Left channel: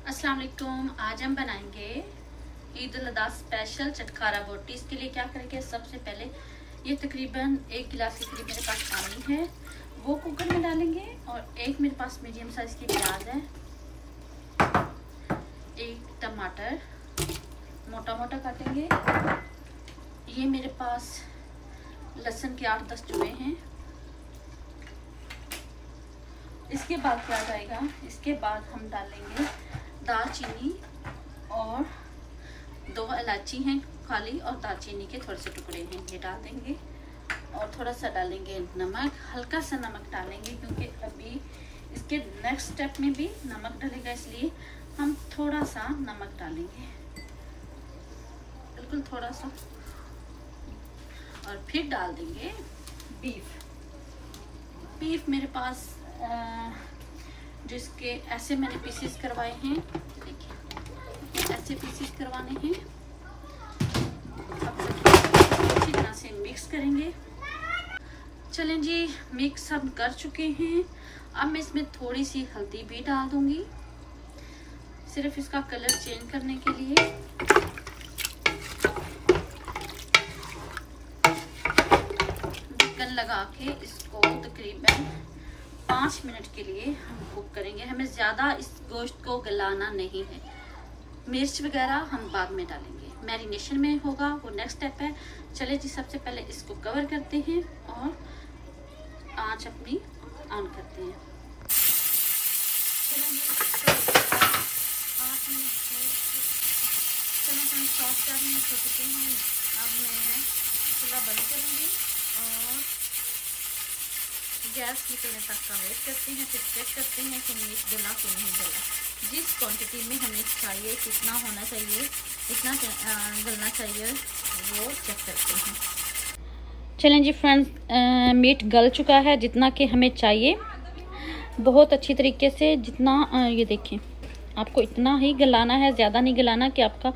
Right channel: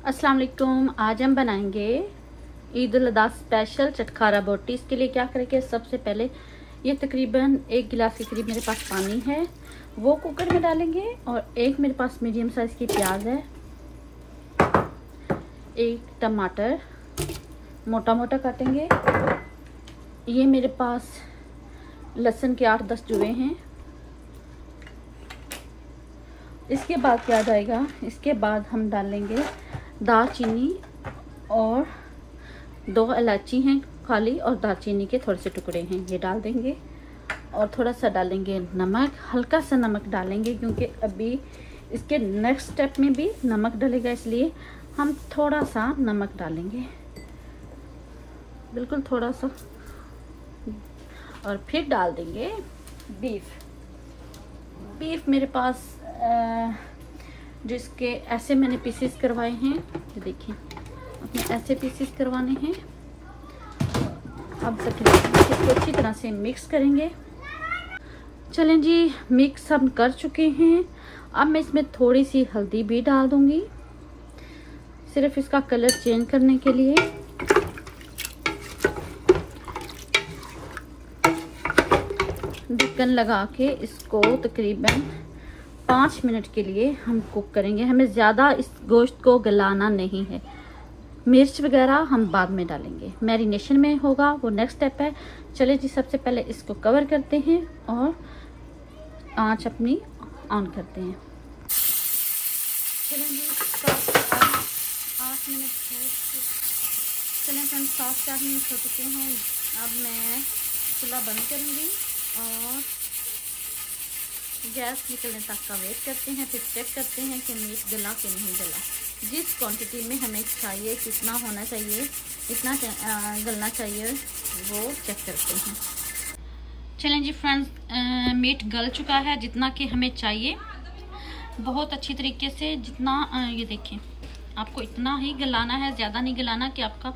अस्सलाम वालेकुम। आज हम बनाएंगे ईद उल अज़हा स्पेशल चटखारा बोटी। इसके लिए क्या करेंगे, सबसे पहले ये तकरीबन 1 गिलास के करीब मेरे पास पानी है, वो कुकर में डालेंगे। और एक मेरे पास मीडियम साइज की प्याज है, एक टमाटर मोटा मोटा काटेंगे। ये मेरे पास लहसुन के 8-10 जुए हैं। इसके बाद क्या जाएगा, इसके बाद हम डालेंगे दालचीनी और 2 इलायची हैं काली, और दालचीनी के थोड़े से टुकड़े हैं, ये डाल देंगे। और थोड़ा सा डालेंगे नमक, हल्का सा नमक डालेंगे क्योंकि अभी इसके नेक्स्ट स्टेप में भी नमक डलेगा, इसलिए हम थोड़ा सा नमक डालेंगे, बिल्कुल थोड़ा सा। और फिर डाल देंगे बीफ मेरे पास जिसके ऐसे मैंने पीसेस करवाए हैं, देखिए ऐसे पीसेस करवाने हैं। अब इसको अच्छी तरह से मिक्स करेंगे। चलें जी, मिक्स हम कर चुके हैं। अब मैं इसमें थोड़ी सी हल्दी भी डाल दूंगी, सिर्फ इसका कलर चेंज करने के लिए। ढक्कन लगा के इसको तकरीबन 5 मिनट के लिए हम कुक करेंगे। हमें ज़्यादा इस गोश्त को गलाना नहीं है। मिर्च वगैरह हम बाद में डालेंगे, मैरिनेशन में होगा, वो नेक्स्ट स्टेप है। चलिए जी, सबसे पहले इसको कवर करते हैं और आंच अपनी ऑन करते हैं। चलिए 8 मिनट चलें हम 7-4 मिनट हो चुके हैं। अब मैं चूल्हा बंद करूँगी और गैस निकलने तक का वेट करते हैं। फिर चेक करते हैं कि मीट गला कि नहीं गला। जिस क्वांटिटी में हमें चाहिए, कितना होना चाहिए, कितना गलना चाहिए, वो चेक करते हैं। चलें जी फ्रेंड्स, मीट गल चुका है जितना कि हमें चाहिए, बहुत अच्छी तरीके से। जितना ये देखें, आपको इतना ही गलाना है, ज़्यादा नहीं गलाना कि आपका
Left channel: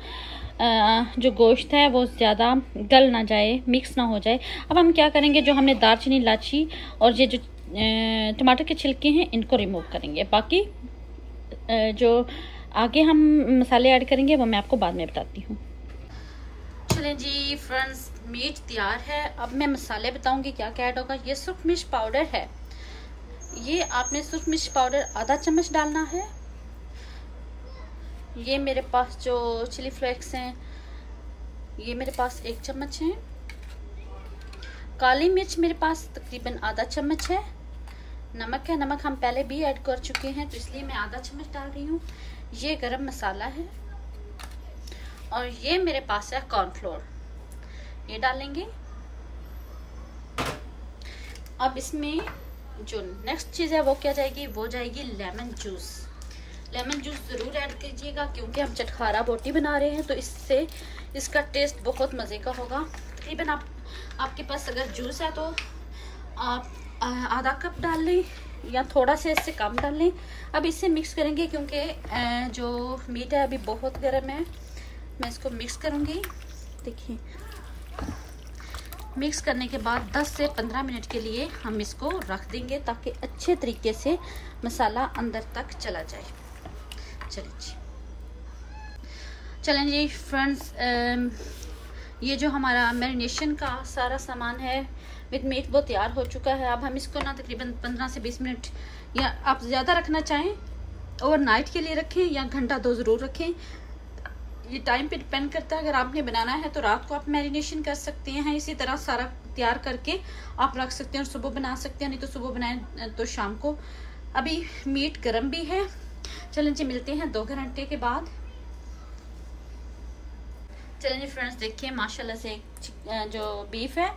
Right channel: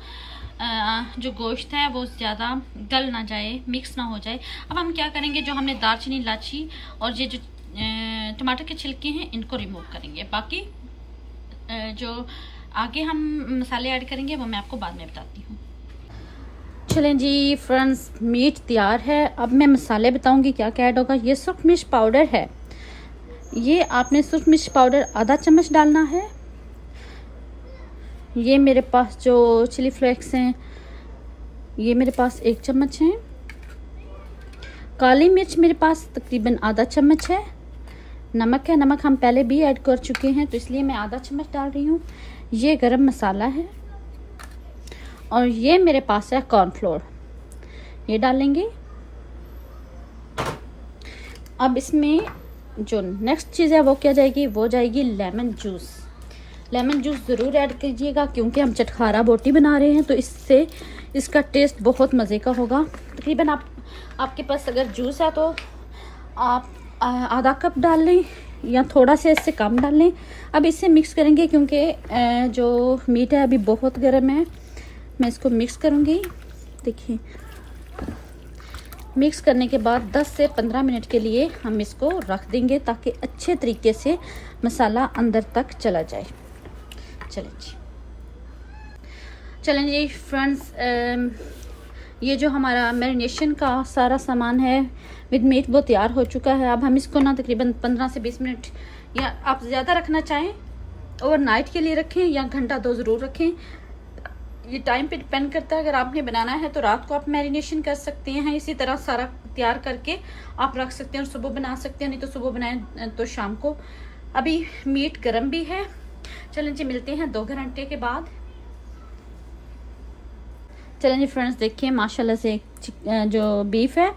जो गोश्त है वो ज़्यादा गल ना जाए, मिक्स ना हो जाए। अब हम क्या करेंगे, जो हमने दालचीनी, इलायची और ये जो टमाटर के छिलके हैं इनको रिमूव करेंगे। बाकी जो आगे हम मसाले ऐड करेंगे वो मैं आपको बाद में बताती हूँ। चलें जी फ्रेंड्स, मीट तैयार है। अब मैं मसाले बताऊंगी क्या क्या ऐड होगा। ये सुर्ख मिर्च पाउडर है, ये आपने सुर्ख मिर्च पाउडर आधा चम्मच डालना है। ये मेरे पास जो चिली फ्लेक्स हैं, ये मेरे पास 1 चम्मच है। काली मिर्च मेरे पास तकरीबन आधा चम्मच है। नमक है, नमक हम पहले भी ऐड कर चुके हैं तो इसलिए मैं आधा चम्मच डाल रही हूँ। ये गरम मसाला है और ये मेरे पास है कॉर्नफ्लोर, ये डालेंगे। अब इसमें जो नेक्स्ट चीज़ है वो क्या जाएगी, वो जाएगी लेमन जूस। लेमन जूस ज़रूर ऐड कीजिएगा क्योंकि हम चटखारा बोटी बना रहे हैं, तो इससे इसका टेस्ट बहुत मज़े का होगा। तकरीबन आपके पास अगर जूस है तो आप आधा कप डाल लें या थोड़ा सा इससे कम डाल लें। अब इससे मिक्स करेंगे क्योंकि जो मीट है अभी बहुत गर्म है। मैं इसको मिक्स करूँगी। देखिए, मिक्स करने के बाद 10 से 15 मिनट के लिए हम इसको रख देंगे ताकि अच्छे तरीके से मसाला अंदर तक चला जाए। चलें जी फ्रेंड्स, ये जो हमारा मैरिनेशन का सारा सामान है विद मीट वो तैयार हो चुका है। अब हम इसको ना तकरीबन 15 से 20 मिनट, या आप ज़्यादा रखना चाहें ओवरनाइट के लिए रखें या घंटा 2 ज़रूर रखें। ये टाइम पे डिपेंड करता है। अगर आपने बनाना है तो रात को आप मैरिनेशन कर सकते हैं, इसी तरह सारा तैयार करके आप रख सकते हैं और सुबह बना सकते हैं, नहीं तो सुबह बनाएं तो शाम को। अभी मीट गर्म भी है। चलें जी, मिलते हैं 2 घंटे के बाद। चलें जी फ्रेंड्स, देखिए माशाल्लाह से जो बीफ है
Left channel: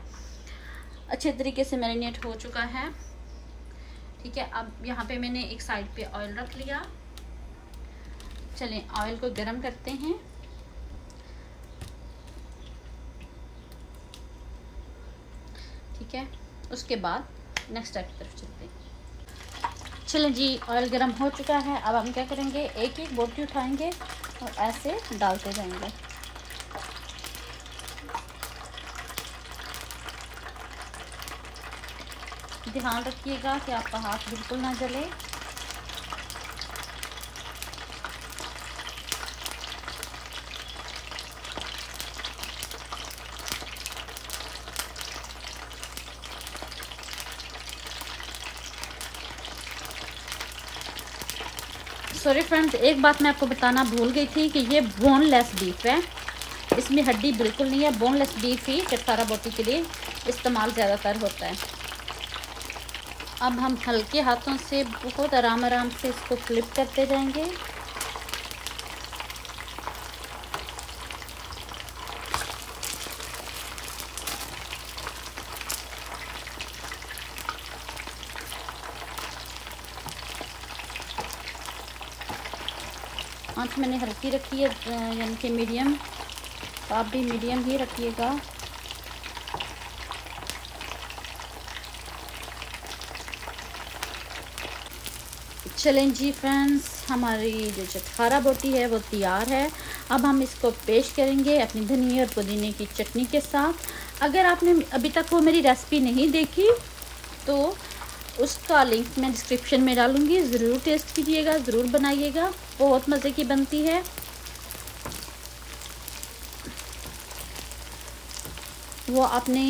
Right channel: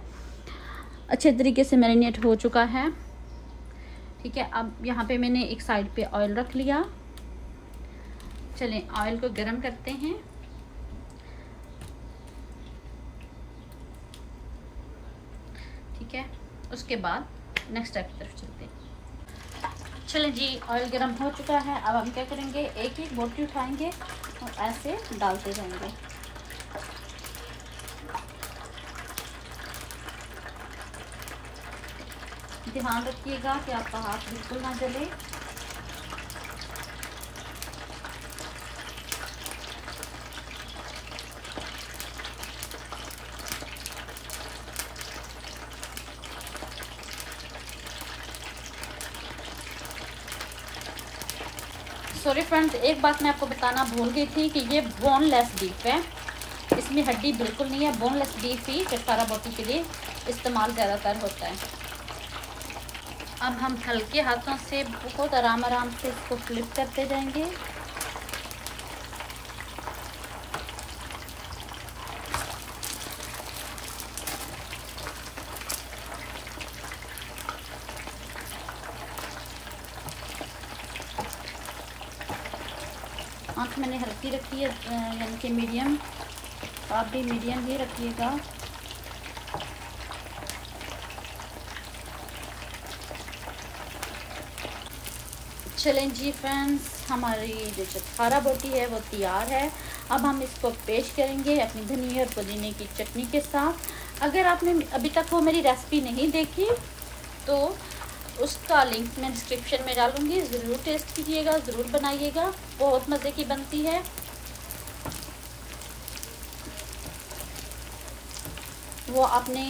अच्छे तरीके से मैरिनेट हो चुका है। ठीक है, अब यहाँ पे मैंने एक साइड पे ऑयल रख लिया। चलें ऑयल को गर्म करते हैं। ठीक है, उसके बाद नेक्स्ट स्टेप की तरफ चलते हैं। चलें जी, ऑयल गर्म हो चुका है। अब हम क्या करेंगे, एक एक बोटी उठाएंगे और ऐसे डालते जाएंगे। ध्यान रखिएगा कि आपका हाथ बिल्कुल ना जले। सॉरी फ्रेंड्स, एक बात मैं आपको बताना भूल गई थी कि ये बोनलेस बीफ है, इसमें हड्डी बिल्कुल नहीं है। बोनलेस बीफ ही चिटकारा बोटी के लिए इस्तेमाल ज़्यादातर होता है। अब हम हल्के हाथों से बहुत आराम आराम से इसको फ्लिप करते जाएंगे। आँच मैंने हल्की रखी है, यानी कि मीडियम। आप भी मीडियम ही रखिएगा। चलें जी फ्रेंड्स, हमारी जो चिटकारा बोटी है वो तैयार है। अब हम इसको पेश करेंगे अपनी धनिया और पुदीने की चटनी के साथ। अगर आपने अभी तक वो मेरी रेसिपी नहीं देखी तो उसका लिंक मैं डिस्क्रिप्शन में डालूंगी, ज़रूर टेस्ट कीजिएगा, ज़रूर बनाइएगा, बहुत मज़े की बनती है। वो आपने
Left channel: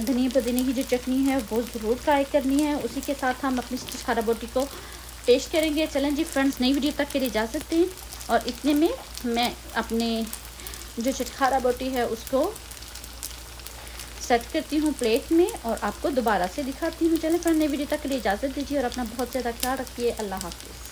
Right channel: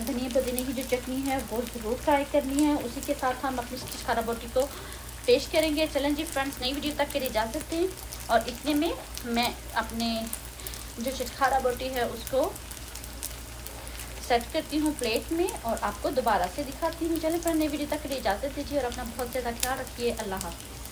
धनिया पुदीने की जो चटनी है वो ज़रूर ट्राई करनी है। उसी के साथ हम अपनी चिटकारा बोटी को पेश करेंगे। चलें जी फ्रेंड्स, नई वीडियो तक के लिए जा सकते हैं। और इतने में मैं अपने जो चिटकारा बोटी है उसको सेट करती हूँ प्लेट में और आपको दोबारा से दिखाती हूँ। चलें फ्रेंड्स, नई वीडियो तक के लिए इजाज़त दीजिए और अपना बहुत ज़्यादा ख्याल रखिए। अल्लाह हाफ़िज़।